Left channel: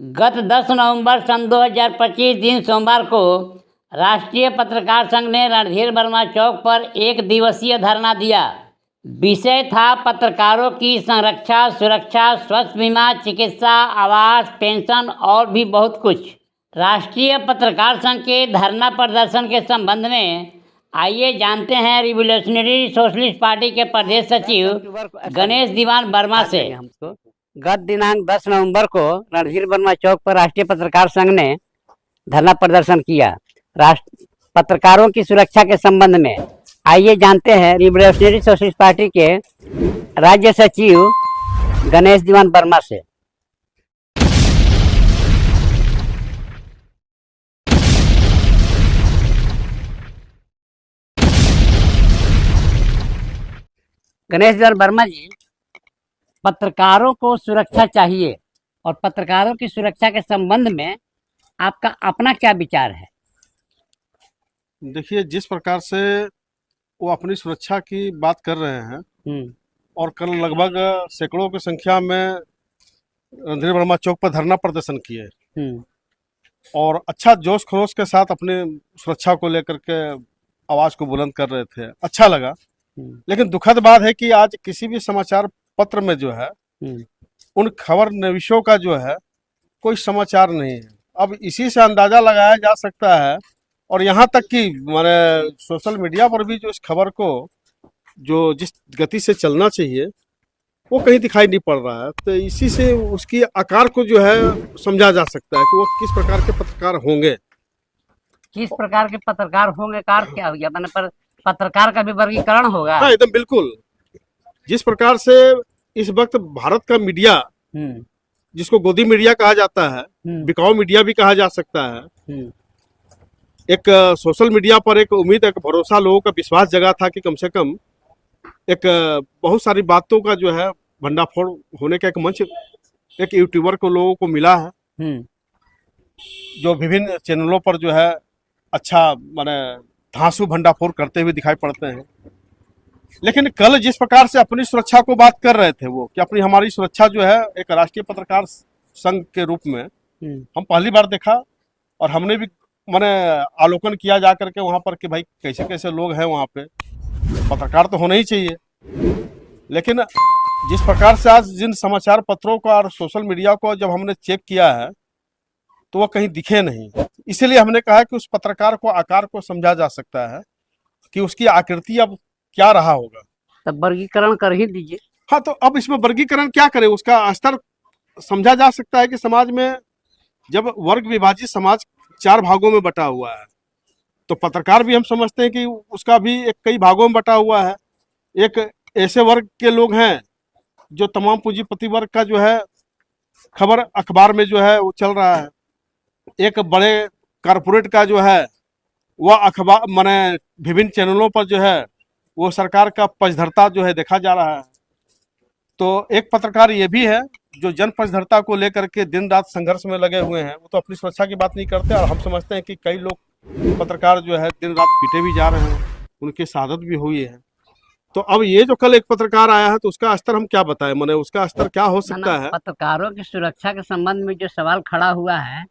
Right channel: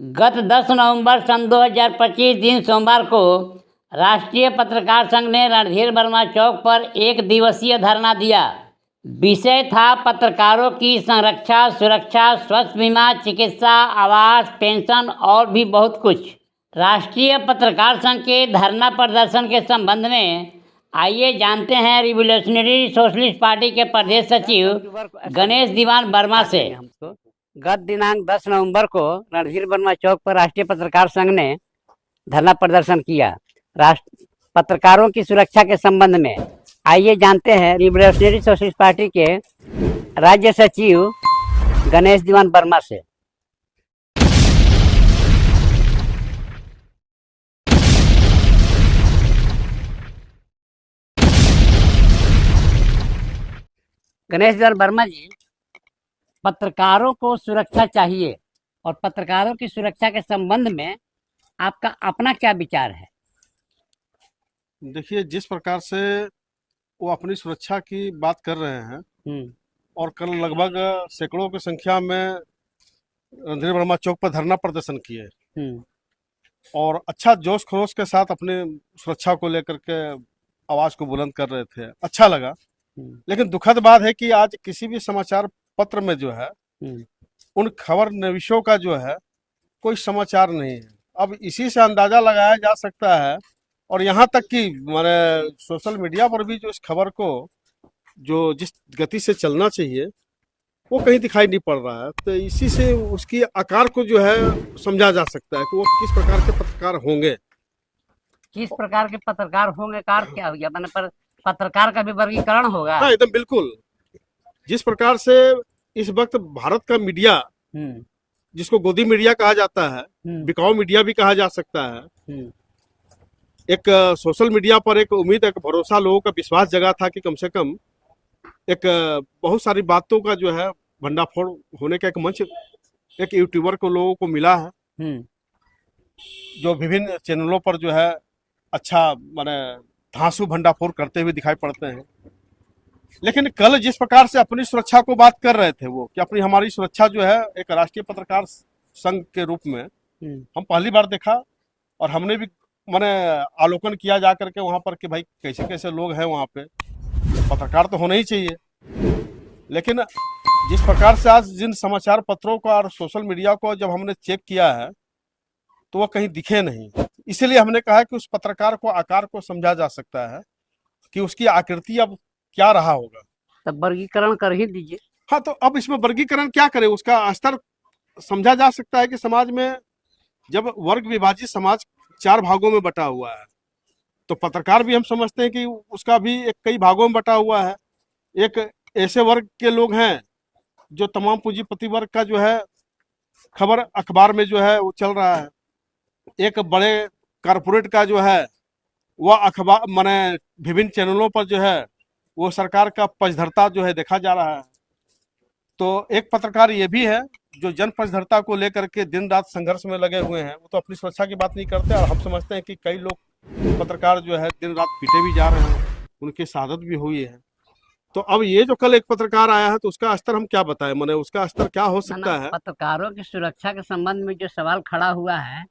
गत 10 नवंबर सन 2025 दिन सोमवार को राष्ट्रीय पत्रकार संघ ने रणधीर वर्मा चौक पर एक दिवसीय धरना दिया। विषय था पत्रकारों की संरक्षा, सुरक्षा, स्वास्थ्य बीमा, चिकित्सा, आवास, पेंशन और भी बहुत कुछ। राष्ट्रीय पत्रकार संघ के धरना प्रदर्शन के संबंध में आइए जानते हैं रिवोल्यूशनरी सोशलिस्ट पार्टी के प्रदेश सचिव गणेश दीवान वर्मा से। गत दिनांक 10 नवंबर को रणधीर वर्मा चौक पर राष्ट्रीय पत्रकार संघ ने धरना प्रदर्शन किया पत्रकारों की सुरक्षा के संबंध में। आइए जानते हैं रिवोल्यूशनरी सोशलिस्ट पार्टी के राज्य सचिव गणेश दीवान वर्मा से। गणेश दीवान वर्मा जी, पत्रकारों को सुरक्षा चाहिए और पत्रकारों की सुरक्षा के संबंध में आपका अपना क्या विचार है? देखिए, जिस प्रकार से वो अपनी सुरक्षा की बात कर रहे हैं और कल लगभग सैकड़ों की संख्या में रणधीर वर्मा चौक पर धरना प्रदर्शन किए और अच्छा जोश खरोश के साथ अपने सुरक्षा को लेकर के आवाज को बुलंद कर रहे थे, अच्छा लगा। लेकिन दुखद बात है कि आज किसी भी समाचार पत्र में जो है उन खबर नवीशों का जो है कोई समाचार नहीं है। अब इसी से अंदाजा लगाया जा सकता है और यहाँ तक कि माने सोशल मीडिया पर भी जो इस खबर को जो जिस गति से चलना चाहिए वो कहीं दिखाई नहीं पड़ रहा है। तो इसी से उसकी आकार को जो है समझा जा सकता है कि वो किस प्रकार के पत्रकार होंगे। किस प्रकार के पत्रकार होंगे का क्या हो गया? मैंने पर पत्रकार का भी वर्गीकरण होगा। हाँ, एकदम बिल्कुल। जिस प्रकार से इस वक्त भारत का मीडिया, जिसको गोदी मीडिया कहा जाता है, बिकाऊ मीडिया भी कहा जा सकता है, एक सोशल मीडिया पर एक उम्मीद, एक भरोसा, लोगों का विश्वास जगा था कि कम से कम एक बहुत सारी बातों का जो है भंडाफोड़ होने का एक मंच एक यूट्यूबर को लोगों को मिला है जो विभिन्न चैनलों पर जो है अच्छा माने धांसू भंडाफोड़ करते हुए दिखाई पड़ते हैं। लेकिन कल जिस प्रकार से अपनी सुरक्षा को बात कर रहे थे वो कि अपनी हमारी सुरक्षा जो है एक राष्ट्रीय पत्रकार संघ के रूप में हम पहली बार देखा और हमने भी मैंने अवलोकन किया जा करके वहाँ पर कि भाई कैसे कैसे लोग हैं वहाँ पे, पत्रकार तो होना ही चाहिए। लेकिन जिस प्रकार से आज जिन समाचार पत्रों को और सोशल मीडिया को जब हमने चेक किया है तो वह कहीं दिखे नहीं। इसीलिए हमने कहा कि उस पत्रकार को आकार को समझा जा सकता है कि उसकी आकृति अब क्या रहा होगा। तब वर्गीकरण कर ही दीजिए। हाँ, तो अब इसमें वर्गीकरण क्या करें? उसका स्तर समझा जा सकता है कि समाज में जब वर्ग विभाजित समाज 4 भागों में बटा हुआ है तो पत्रकार भी हम समझते हैं कि उसका भी एक कई भागों में बटा हुआ है। एक ऐसे वर्ग के लोग हैं जो तमाम पूंजीपति वर्ग का जो है खबर अखबार में जो है वो चल रहा है। एक बड़े कारपोरेट का जो है वह अखबार माने विभिन्न चैनलों पर जो है वो सरकार का पक्षधरता जो है देखा जा रहा है। तो एक पत्रकार ये भी है जो जन पक्षधरता को लेकर के दिन रात संघर्ष में लगे हुए हैं। वो तो अपनी सुरक्षा की बात नहीं करते और हम समझते हैं कि कई लोग पत्रकार जो है दिन रात पीटे भी जा रहे हैं, उनकी शहादत भी हुई है। तो अब ये जो कल एक पत्रकार आया है तो उसका स्तर हम क्या बताएं, माने उसका स्तर क्या हो सकता है? पत्रकारों की सुरक्षा के संबंध में जो सवाल खड़ा हुआ है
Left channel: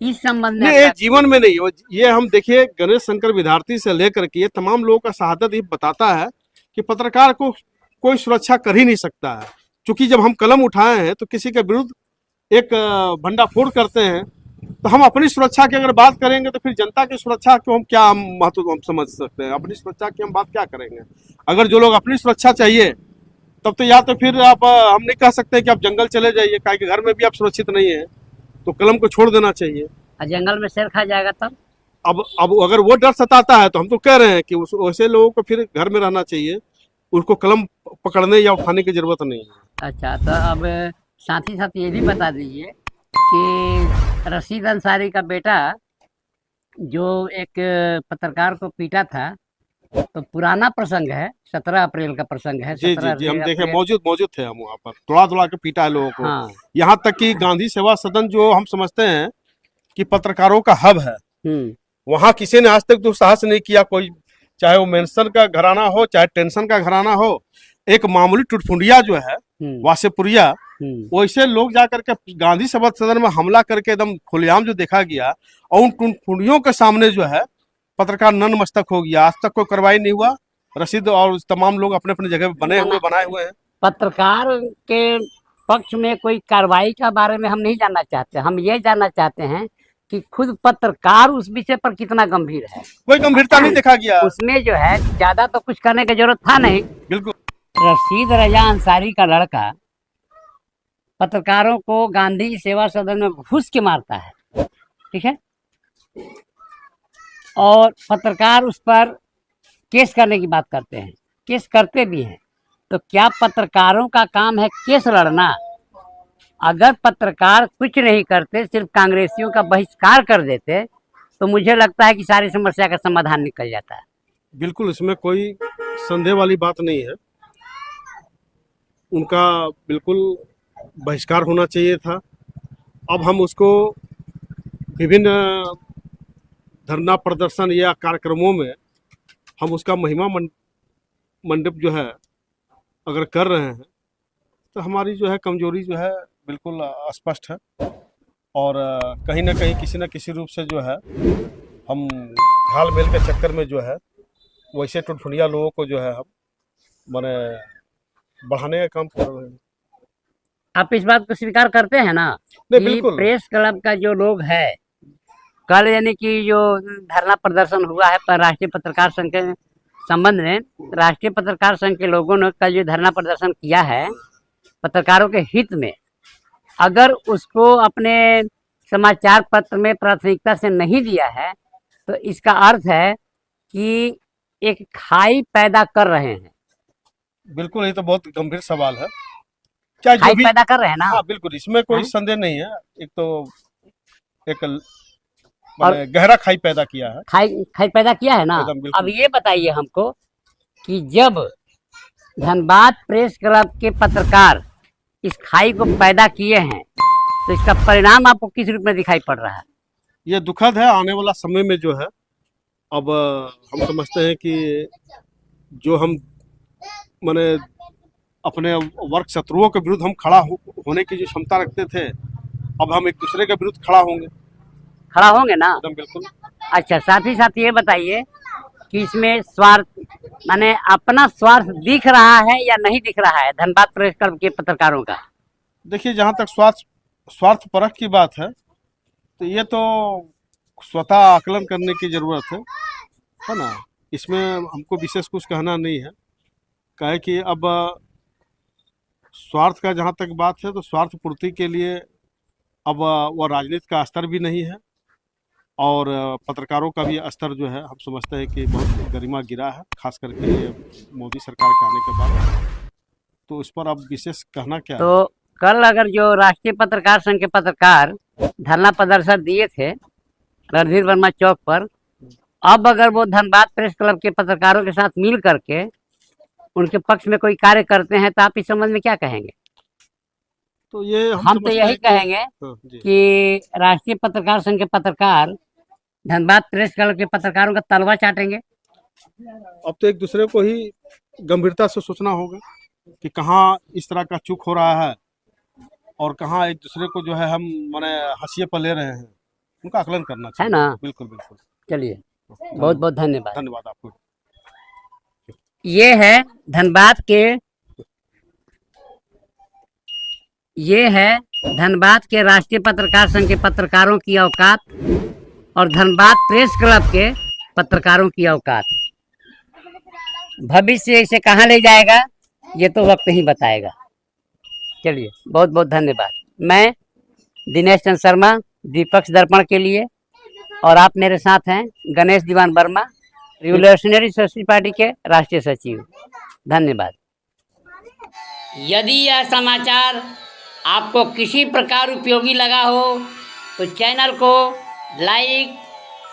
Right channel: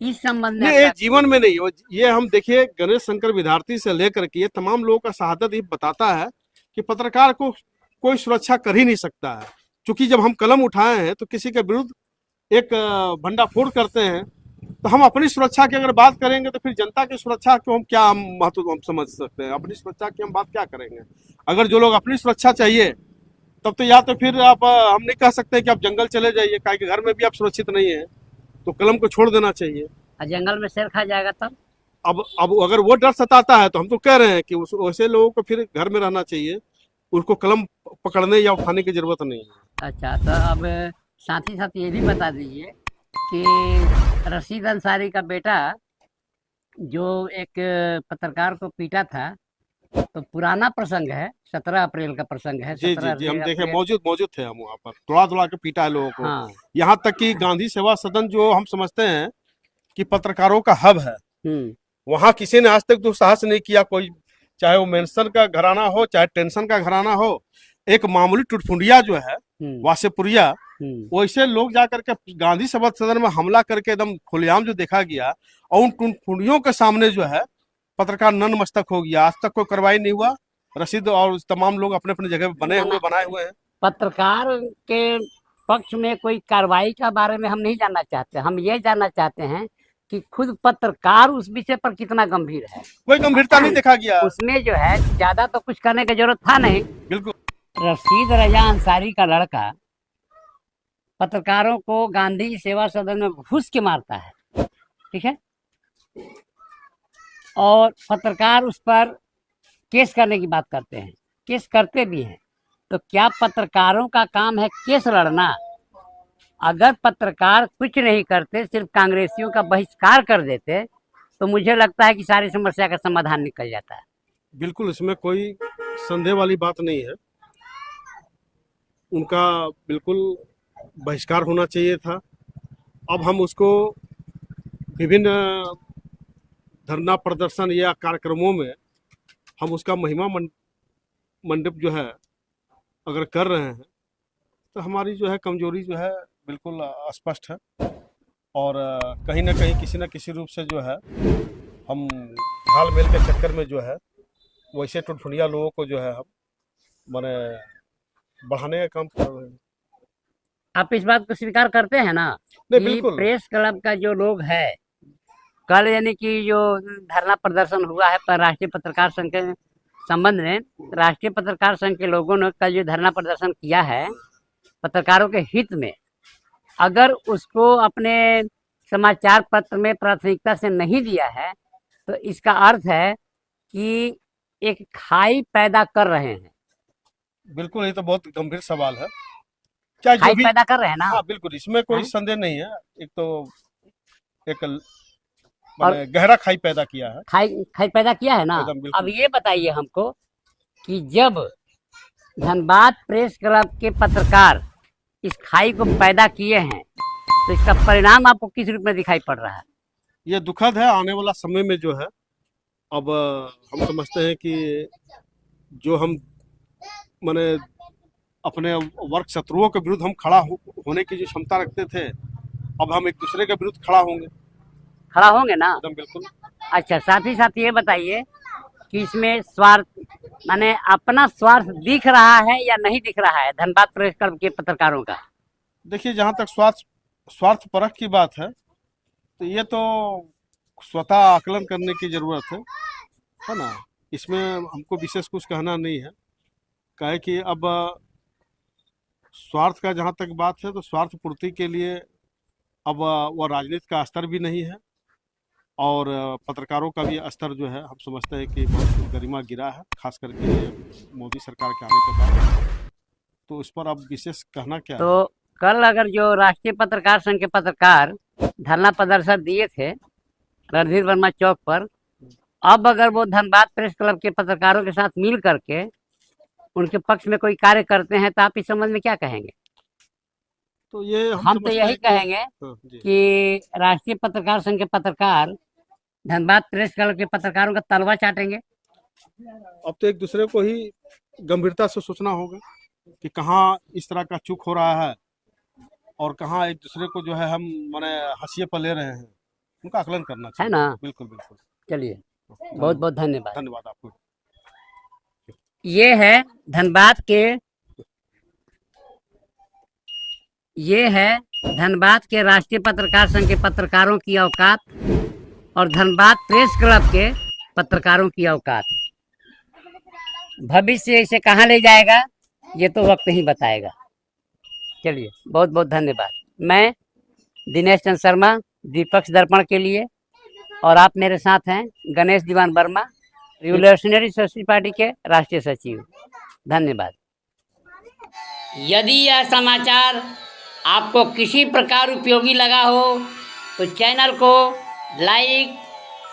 इस संबंध में नहीं, जीवन में नहीं, ये हम देखिए गणेश शंकर विद्यार्थी से लेकर के ये तमाम लोगों का शहादत ही बताता है कि पत्रकार को कोई सुरक्षा कर ही नहीं सकता है। क्योंकि जब हम कलम उठाए हैं तो किसी के विरुद्ध एक भंडाफोड़ करते हैं तो हम अपनी सुरक्षा की अगर बात करेंगे तो फिर जनता की सुरक्षा को हम क्या महत्व हम समझ सकते हैं? अपनी सुरक्षा की हम बात क्या करेंगे? अगर जो लोग अपनी सुरक्षा चाहिए तब तो या तो फिर आप हम नहीं कह सकते कि आप जंगल चले जाइए, काहे कि घर में भी आप सुरक्षित नहीं है, तो कलम को छोड़ देना चाहिए। जंगल में शेर खा जाएगा तब? अब अगर वो डर सताता है तो हम तो कह रहे हैं कि वैसे लोगों को फिर घर में रहना चाहिए, उसको कलम पकड़ने या उठाने की जरूरत नहीं है। अच्छा, तो अब साथ ही साथ ये भी बता दीजिए कि रशीद अंसारी का बेटा जो एक पत्रकार को पीटा था, तो पुराना प्रसंग है, 17 अप्रैल का प्रसंग है। जी जी जी, हम देखे मौजूद थे हम वहाँ पर, थोड़ा के पीटा है लोगों को। हाँ। यहाँ तक कि गांधी सेवा सदन जो हम समझते हैं कि पत्रकारों का हब है, वहाँ किसी ने आज तक दुस्साहस नहीं किया, कोई चाहे वो मेंशन का घराना हो चाहे टेंशन का घराना हो, एक मामूली टुटफुंडिया जो है वासेपुरिया, वैसे लोग जाकर के गांधी सभा सदन में हमला करके एकदम खुलेआम जो देखा गया, और उन टुनटुनियों के सामने जो है पत्रकार नतमस्तक हो गया। आज तक कोई कार्रवाई नहीं हुआ। रशीद और तमाम लोग अपने अपने जगह बनाए हुए हैं। पत्रकार के पक्ष में कोई कार्रवाई के बारे में हम नहीं जानना चाहते, हम ये जानना चाहते हैं कि खुद पत्रकार उस विषय पर कितना गंभीर है। कोई गंभीरता नहीं देखा गया उसमें जो है ज्यादा तो कुछ करने की जरूरत था नहीं। बिल्कुल। रशीद रजा अंसारी का लड़का पत्रकारों को गांधी सेवा सदन में घुस के मारता है, ठीक है, और पत्रकार उस पर केस करने की बात करते हैं, केस करते भी हैं। तो क्या पत्रकारों का काम है केस लड़ना? अगर पत्रकार कुछ नहीं करते, सिर्फ कांग्रेसियों का बहिष्कार कर देते, तो मुझे लगता है कि सारी समस्या का समाधान निकल जाता है। बिल्कुल, इसमें कोई संदेह वाली बात नहीं है। उनका बिल्कुल बहिष्कार होना चाहिए था। अब हम उसको विभिन्न धरना प्रदर्शन या कार्यक्रमों में हम उसका महिमा मंडप जो है अगर कर रहे हैं, तो हमारी जो है कमजोरी जो है बिल्कुल स्पष्ट है। और कहीं ना कहीं किसी न किसी रूप से जो है हम हाल मेल के चक्कर में जो है वैसे टुनटुनिया लोगों को जो है हम माने बढ़ाने का काम कर रहे हैं। आप इस बात को स्वीकार करते हैं ना कि बिल्कुल। प्रेस क्लब का जो लोग है, कल यानी कि जो धरना प्रदर्शन हुआ है पर राष्ट्रीय पत्रकार संघ के संबंध में, राष्ट्रीय पत्रकार संघ के लोगों ने कल जो धरना प्रदर्शन किया है पत्रकारों के हित में, अगर उसको अपने समाचार पत्र में प्राथमिकता से नहीं दिया है, तो इसका अर्थ है कि एक खाई पैदा कर रहे हैं। बिल्कुल, ये तो बहुत गंभीर सवाल है। चाहे खाई जो भी पैदा कर रहे हैं ना। हाँ बिल्कुल, इसमें कोई संदेह नहीं है। एक तो एक और गहरा खाई पैदा किया है, खाई पैदा किया है ना। एकदम बिल्कुल। अब ये बताइए हमको कि जब धनबाद प्रेस क्लब के पत्रकार इस खाई को पैदा किए हैं, तो इसका परिणाम आपको किस रूप में दिखाई पड़ रहा है? ये दुखद है। आने वाला समय में जो है अब हम समझते हैं कि जो हम माने अपने वर्ग शत्रुओं के विरुद्ध हम खड़ा होने की जो क्षमता रखते थे, अब हम एक दूसरे के विरुद्ध खड़ा होंगे ना। एकदम बिल्कुल। अच्छा, साथ ही साथ ये बताइए कि इसमें स्वार्थ माने अपना स्वार्थ दिख रहा है या नहीं दिख रहा है धनबाद प्रेस क्लब के पत्रकारों का? देखिए, जहाँ तक स्वार्थ परख की बात है, तो ये तो स्वतः आकलन करने की जरूरत है ना। इसमें हमको विशेष कुछ कहना नहीं है। कहे कि अब स्वार्थ का जहाँ तक बात है, तो स्वार्थ पूर्ति के लिए अब वो राजनीति का स्तर भी नहीं है, और पत्रकारों का भी स्तर जो है हम समझते हैं कि बहुत गरिमा गिरा है, खास करके मोदी सरकार के आने के बाद। तो इस पर अब विशेष कहना क्या तो है? कल अगर जो राष्ट्रीय पत्रकार संघ के पत्रकार धरना प्रदर्शन दिए थे रणधीर वर्मा चौक पर, अब अगर वो धनबाद प्रेस क्लब के पत्रकारों के साथ मिल करके उनके पक्ष में कोई कार्य करते हैं, तो आप इस संबंध में क्या कहेंगे? तो ये हम तो यही कहेंगे कि राष्ट्रीय पत्रकार संघ के पत्रकार धनबाद प्रेस क्लब के पत्रकारों का तलवा चाटेंगे। अब तो एक दूसरे को ही गंभीरता से सोचना होगा कि कहाँ इस तरह का चूक हो रहा है और कहाँ एक दूसरे को जो है हम माने हंसिए पर ले रहे हैं, उनका आकलन करना चाहिए। है ना। बिल्कुल बिल्कुल। चलिए, बहुत बहुत धन्यवाद। धन्यवाद आपको। ये है धनबाद के राष्ट्रीय पत्रकार संघ के पत्रकारों की औकात और धनबाद प्रेस क्लब के पत्रकारों की औकात। भविष्य इसे कहाँ ले जाएगा ये तो वक्त ही बताएगा। चलिए, बहुत बहुत धन्यवाद। मैं दिनेश चंद्र शर्मा, दीपक दर्पण के लिए, और आप मेरे साथ हैं गणेश दीवान वर्मा, रिवोल्यूशनरी सोशलिस्ट पार्टी के राष्ट्रीय सचिव। धन्यवाद। यदि यह समाचार आपको किसी प्रकार उपयोगी लगा हो तो चैनल को लाइक,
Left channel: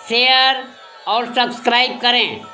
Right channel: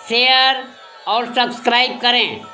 शेयर और सब्सक्राइब करें।